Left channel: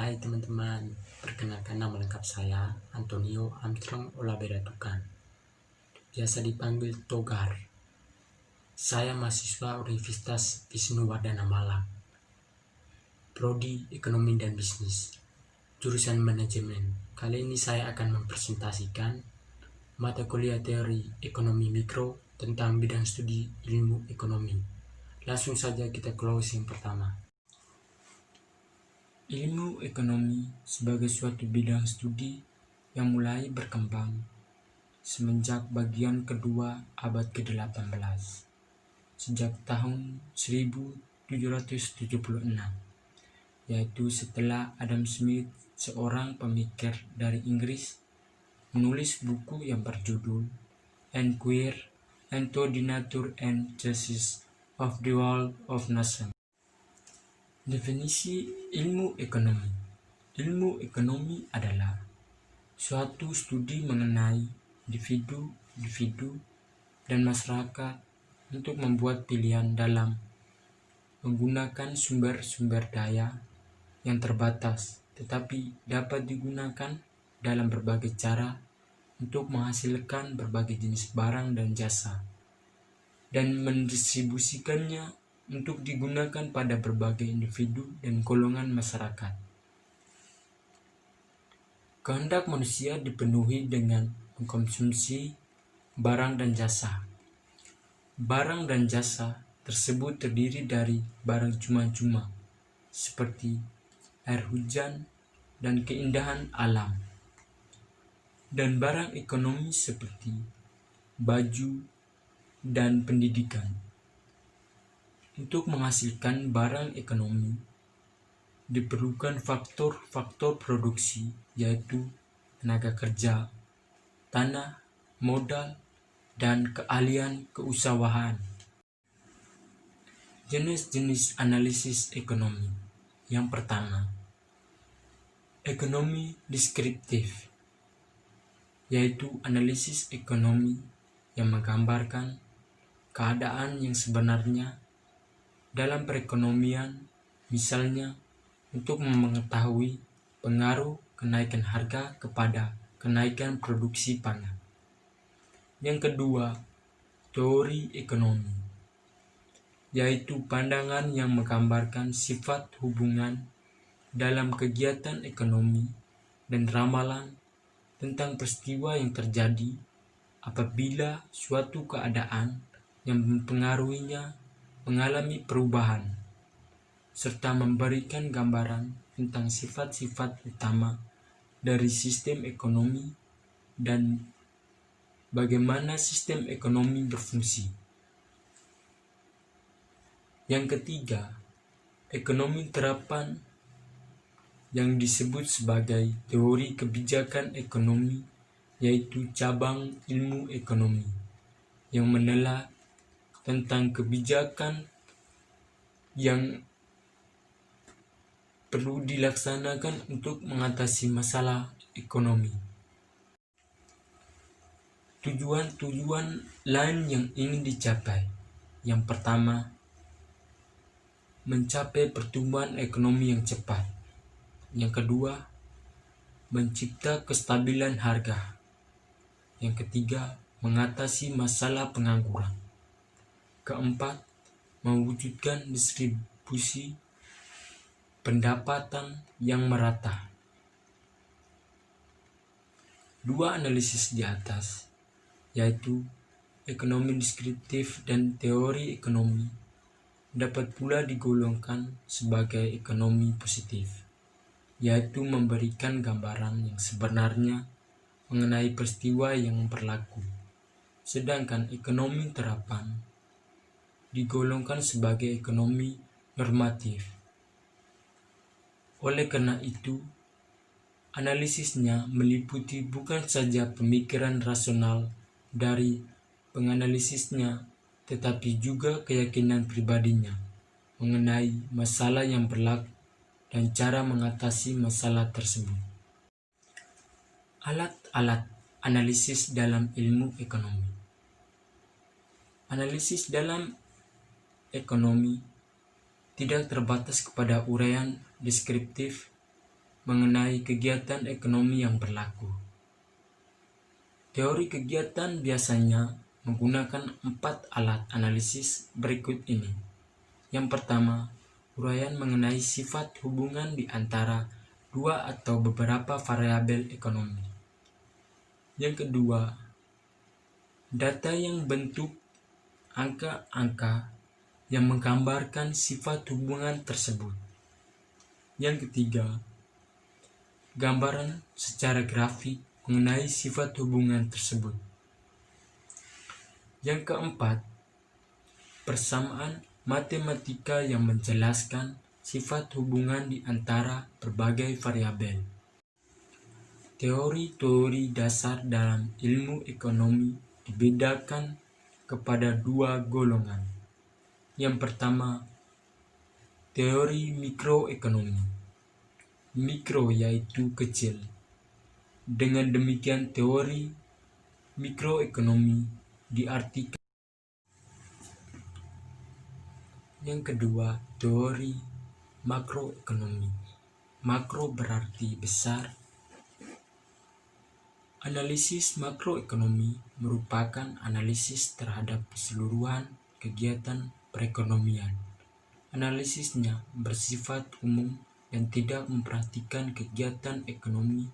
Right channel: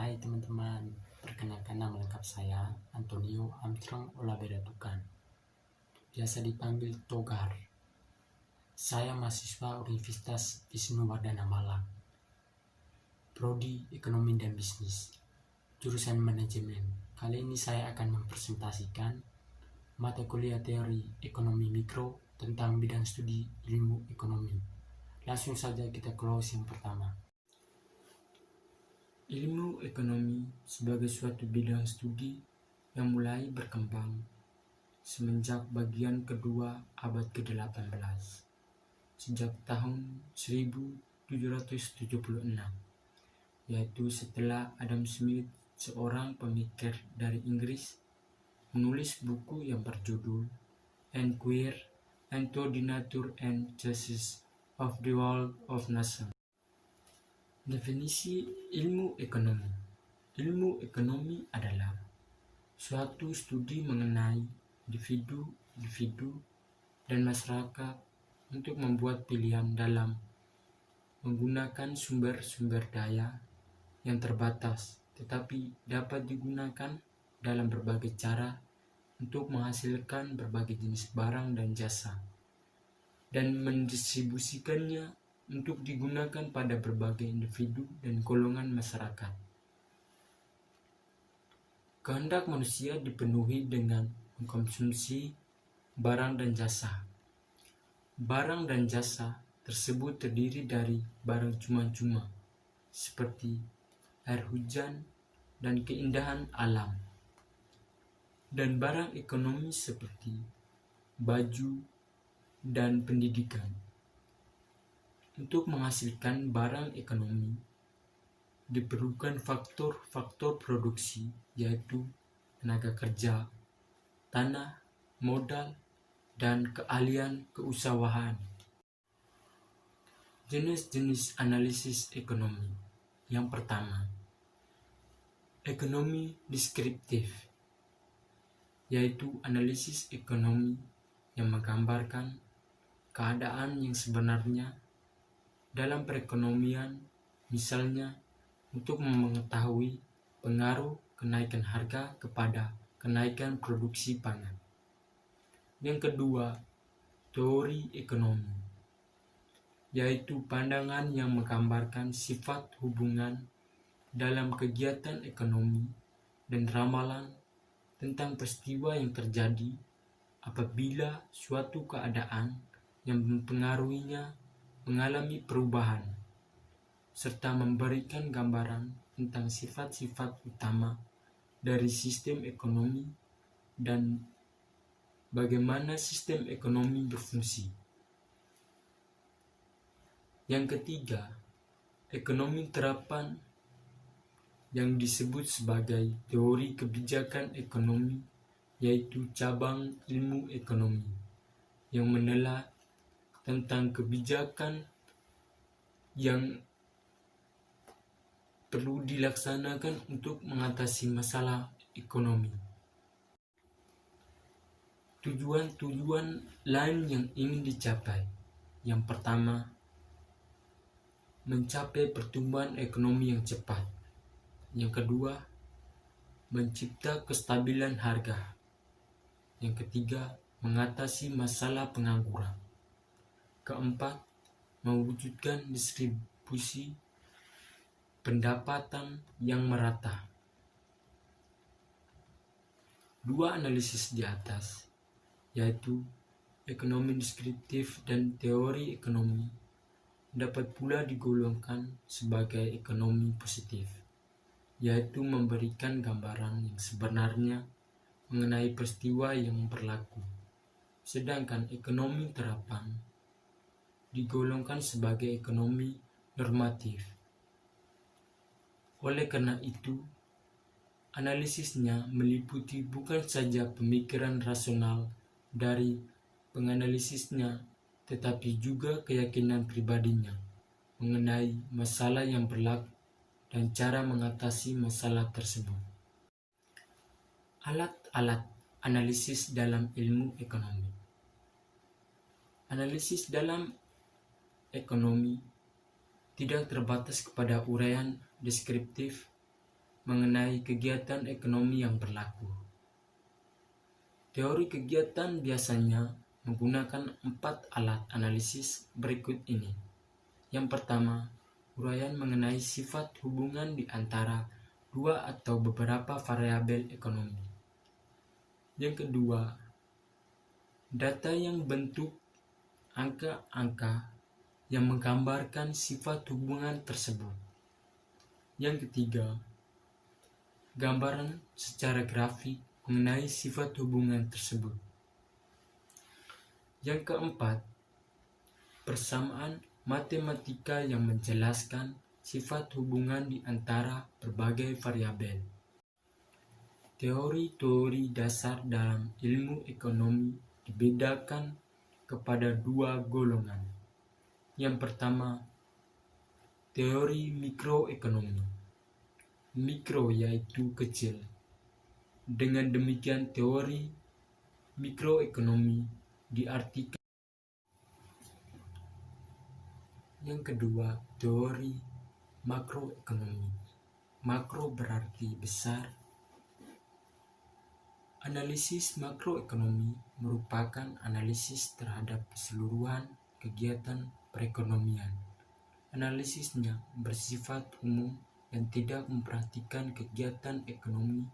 Hai teman-teman, perkenalkan nama lengkap saya Antonio Armstrong Olabeda Tukan, biasa dipanggil Togar. Saya mahasiswa Universitas Wisnuwardana Malang, Prodi Ekonomi dan Bisnis, jurusan Manajemen. Kali ini saya akan mempresentasikan mata kuliah teori ekonomi mikro tentang bidang studi ilmu ekonomi. Langsung saja kita closing pertama. Ilmu ekonomi sebagai suatu bidang studi yang mulai berkembang semenjak bagian kedua abad ke-18, sejak tahun 1776, yaitu setelah Adam Smith, seorang pemikir dari Inggris, menulis buku yang berjudul Enquire into the Nature and Justice of the World of Nations. Definisi ilmu ekonomi. Ilmu ekonomi adalah suatu studi mengenai individu dan masyarakat untuk membuat pilihan dalam menggunakan sumber-sumber daya yang terbatas, tetapi dapat digunakan dalam berbagai cara untuk menghasilkan berbagai jenis barang dan jasa, dan mendistribusikannya untuk digunakan pada berbagai individu dan golongan masyarakat. Kehendak manusia dipenuhi dengan mengkonsumsi barang dan jasa. Barang dan jasa tersebut terdiri dari barang cuma-cuma seperti air hujan dan keindahan alam, dan barang ekonomi seperti baju dan pendidikan. Untuk menghasilkan barang ekonomi, diperlukan faktor-faktor produksi, yaitu tenaga kerja, tanah, modal, dan keahlian keusahawan. Jenis-jenis analisis ekonomi. Yang pertama, ekonomi deskriptif, yaitu analisis ekonomi yang menggambarkan keadaan yang sebenarnya dalam perekonomian, misalnya untuk mengetahui pengaruh kenaikan harga kepada kenaikan produksi pangan. Yang kedua, teori ekonomi, yaitu pandangan yang menggambarkan sifat hubungan dalam kegiatan ekonomi dan ramalan tentang peristiwa yang terjadi apabila suatu keadaan yang mempengaruhinya mengalami perubahan, serta memberikan gambaran tentang sifat-sifat utama dari sistem ekonomi dan bagaimana sistem ekonomi berfungsi. Yang ketiga, ekonomi terapan, yang disebut sebagai teori kebijakan ekonomi, yaitu cabang ilmu ekonomi yang menelaah tentang kebijakan yang perlu dilaksanakan untuk mengatasi masalah ekonomi. Tujuan-tujuan lain yang ingin dicapai. Yang pertama, mencapai pertumbuhan ekonomi yang cepat. Yang kedua, mencipta kestabilan harga. Yang ketiga, mengatasi masalah pengangguran. Keempat, mewujudkan distribusi pendapatan yang merata. Dua analisis di atas, yaitu ekonomi deskriptif dan teori ekonomi, dapat pula digolongkan sebagai ekonomi positif, yaitu memberikan gambaran yang sebenarnya mengenai peristiwa yang berlaku. Sedangkan ekonomi terapan digolongkan sebagai ekonomi normatif. Oleh karena itu, analisisnya meliputi bukan saja pemikiran rasional dari penganalisisnya, tetapi juga keyakinan pribadinya mengenai masalah yang berlaku dan cara mengatasi masalah tersebut. Alat-alat analisis dalam ilmu ekonomi. Analisis dalam ekonomi tidak terbatas kepada uraian deskriptif mengenai kegiatan ekonomi yang berlaku. Teori kegiatan biasanya menggunakan 4 alat analisis berikut ini. Yang pertama, uraian mengenai sifat hubungan di antara dua atau beberapa variabel ekonomi. Yang kedua, data yang bentuk angka-angka yang menggambarkan sifat hubungan tersebut. Yang ketiga, gambaran secara grafik mengenai sifat hubungan tersebut. Yang keempat, persamaan matematika yang menjelaskan sifat hubungan di antara berbagai variabel. Teori-teori dasar dalam ilmu ekonomi dibedakan kepada 2 golongan. Yang pertama, teori mikroekonomi. Mikro yaitu kecil. Dengan demikian teori mikroekonomi diartikan. Yang kedua, teori makroekonomi. Makro berarti besar. Analisis makroekonomi merupakan analisis terhadap keseluruhan kegiatan perekonomian. Analisisnya bersifat umum dan tidak memperhatikan kegiatan ekonomi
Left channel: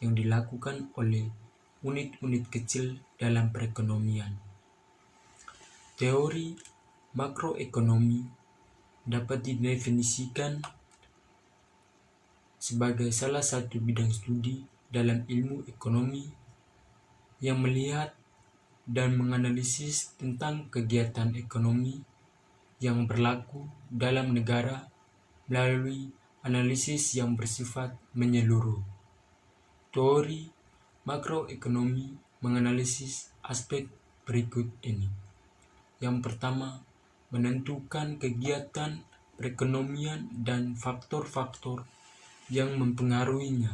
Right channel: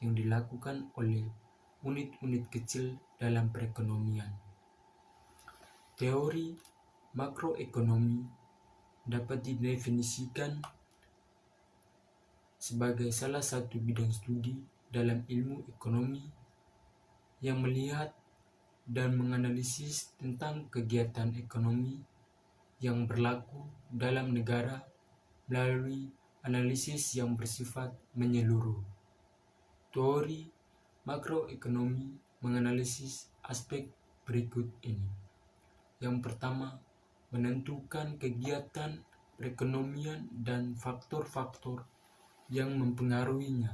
yang dilakukan oleh unit-unit kecil dalam perekonomian. Teori makroekonomi dapat didefinisikan sebagai salah satu bidang studi dalam ilmu ekonomi yang melihat dan menganalisis tentang kegiatan ekonomi yang berlaku dalam negara melalui analisis yang bersifat menyeluruh. Teori makroekonomi menganalisis aspek berikut ini. Yang pertama, menentukan kegiatan perekonomian dan faktor-faktor yang mempengaruhinya.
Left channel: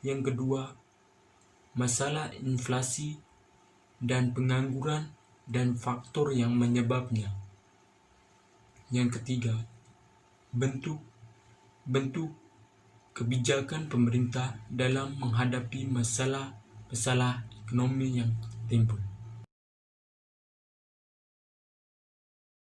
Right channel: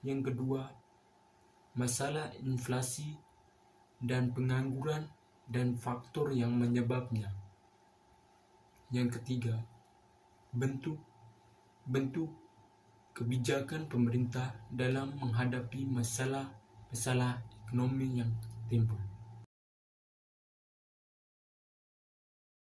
Yang kedua, masalah inflasi dan pengangguran dan faktor yang menyebabnya. Yang ketiga, bentuk kebijakan pemerintah dalam menghadapi masalah ekonomi yang timbul.